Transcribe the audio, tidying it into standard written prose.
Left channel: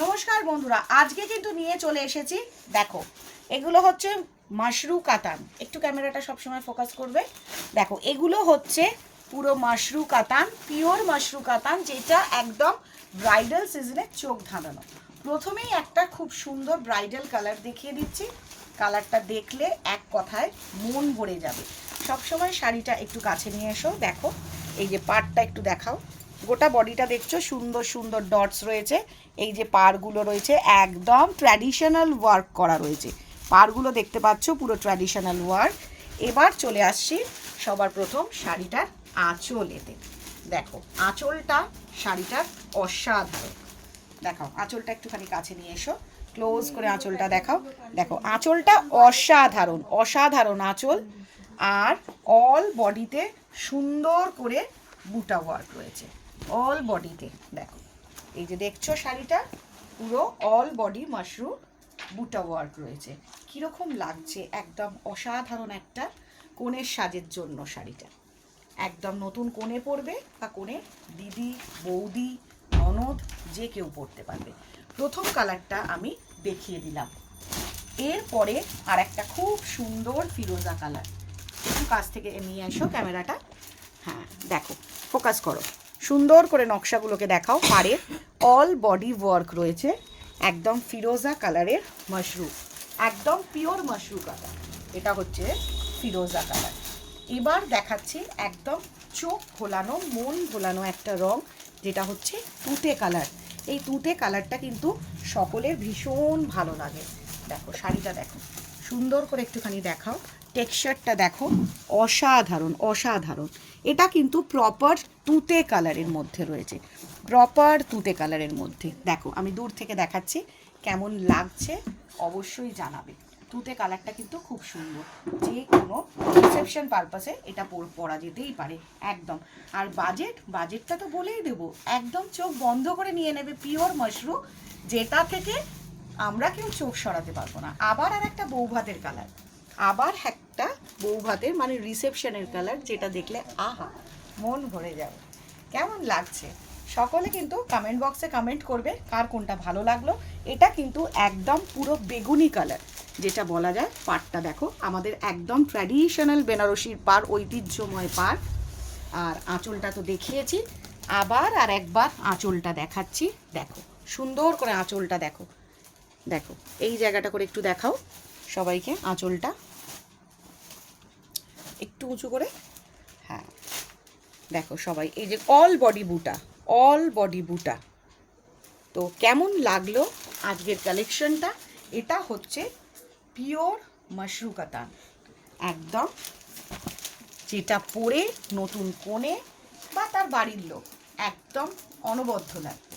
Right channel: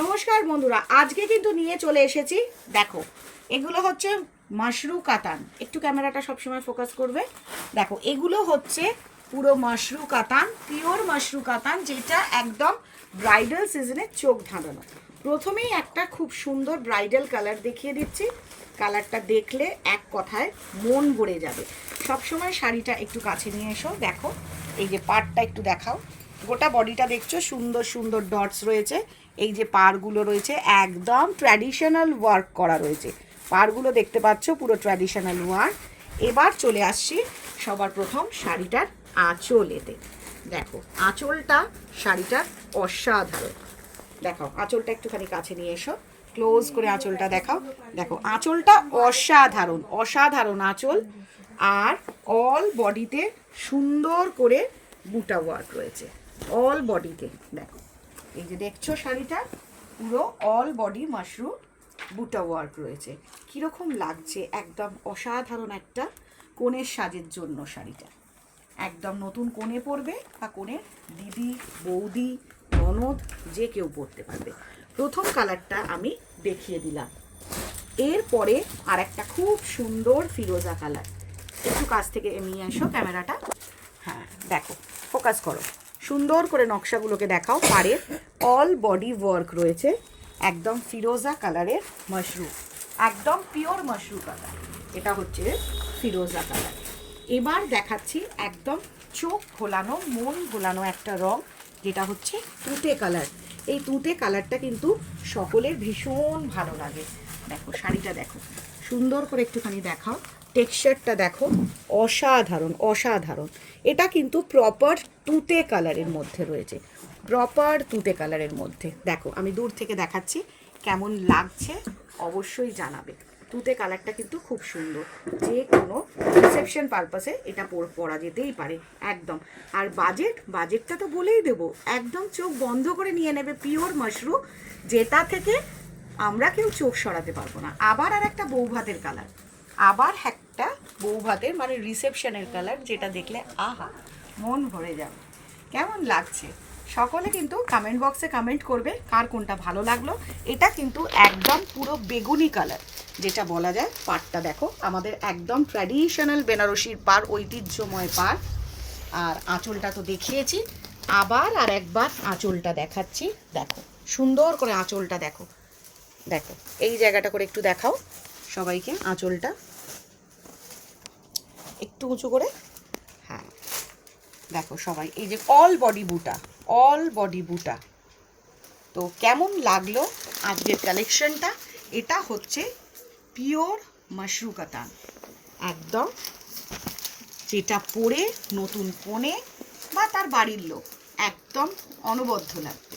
নমস্কার বন্ধুরা, আজকে কিন্তু নিয়ে চলে এসেছি। দেখো, এগুলো হচ্ছে মাশরু কাতান। একটু ক্যামেরাটা সবসময় ফোকাস করবে। দেখো, এগুলো হচ্ছে পুরো মাশরু কাতান, পিওর মাশরু কাতান, যেটা একদম ব্রাইডাল সিজনে চোখ ধাঁধানো। প্রথমেই একটা খুব সুন্দর ব্রাইডাল কালার দেখিয়ে দিচ্ছি। কালারটা দেখলে এক কথায় মন ভরে যাবে। সবসময় শাড়িটা একটু কাছে নিয়ে এসো। দেখো, এই যে পাড়টা একটু দেখাও। গোটা বডিটা দেখছো, সুন্দর সুন্দর ডটস রয়েছে। এই যে পাড়গুলো রয়েছে একদম ট্র্যাডিশনাল ওয়ার্ক করা রয়েছে। পাড়গুলো দেখতে পাচ্ছ, পুরো ট্র্যাডিশনাল ওয়ার্ক। এবার চলে আসছি সবার প্রথম শাড়িটার আঁচলেতে। দেখো, আঁচলটা শাড়িটার অসাধারণ। দেখো, আঁচলটা একটুখানি কাছে নিয়ে এসো, ক্লোজ করে আঁচলটা দেখাও। দেখো, আঁচলটা অসাধারণ অসাধারণ আঁচল। আর অল বডিতে সুন্দর করে বুটা ওয়ার্ক রয়েছে, অল বডিতে। দেখো, এই যে দেখছো শাড়িটা পুরো অল বডি মাশরু বুটা ওয়ার্ক রয়েছে। কীরকম লাগছে, একদম অসাধারণ একটা কনের সাজের জন্য শাড়িটা। একদম নতুন কোণে পরবে বা কোণের দিদি, বৌদি, ননদ যে কেউ পরতে পারবে। প্রথম কালারটা আমি দেখিয়ে দিলাম। এরপরে আর একটা খুব সুন্দর ফিরোজা কালার। একটু কাছ থেকে নিয়ে এসো ক্যামেরাটা। হ্যাঁ, দেখো, ফোকাস করো, সুন্দর করে নকশাগুলোকে দেখাও। পাড়ের অল বডি ওয়ার্ক রয়েছে, একদম ফিরোজা কালারের মাশরু, একদম পিওর মাশরু কালার। এটা হচ্ছে ফিরোজা কালার। এবার দেখাচ্ছি একদম চোখ ভোলানো, মন ভোলানো একটা রং, যেটা হচ্ছে তুতে কালার। এই তুতে কালারটা কিন্তু সকলের ভীষণ ভালো লাগে। দেখো, শাড়িটা দেখো, সুন্দর করে একটুখানি দেখাও। টেক্সচারটা দেখো, অসাধারণ অসাধারণ। এটা কিন্তু প্রপার তুতে কালারের মধ্যে রয়েছে, প্রপার তুতে কালারের মধ্যে। দেখো, আমি দূর থেকে দেখাচ্ছি, কেমন লাগছে অবশ্যই জানাবে। তুতে কালারটা কিন্তু খুব সুন্দর, যে কোনো রিসেপশন পারপাসে এটা পরা যেতেই পারে একদম। আর বাজেটটা তো বলেই দেবো, একদম চোখ বন্ধ করে নিয়ে নেবে। পিওর মাশরু, যেটা থেকে আমরা কেউ চোখ সরাতে পারবো না। আবার আর একটা বৌভাতের কালার, আবার একটা বৌভাতের মানে রিসেপশনের কালার, যেটা দেখলে আহা, মন ভরে যাবে। কেমন লাগছে সকলে কিন্তু কমেন্ট বক্সে কমেন্ট করবে কার কোনটা ভালো লাগলো। এটা কিন্তু একদম পুরো বেগুনি কালার, যেটা বলা যায়। পাড়টা দেখো, আমাদের একদম ট্র্যাডিশনাল বেনারসির পাড়, ঐতিহ্যময় পাড়। আর আঁচলটা তো দেখিয়েছি, আবার আর একবার আঁচলটা দেখাচ্ছি। দেখো, সুন্দর করে আঁচলটা দেখো। দেখো, এই জায়গাটা করে একটু দেখাও সবাইকে আঁচলটা, একটু উঁচু করে। হ্যাঁ, দেখো সবাই, এই যে অল বডি বুটা, অল বডি বুটা। তো কেমন লাগলো আজকের কালেকশনটা? এটা হচ্ছে পিওর মাশরু কাতান, একদম যেটা পরে নতুন কোণে বা তার বাড়ির লোক একদম অনবদ্য লাগবে।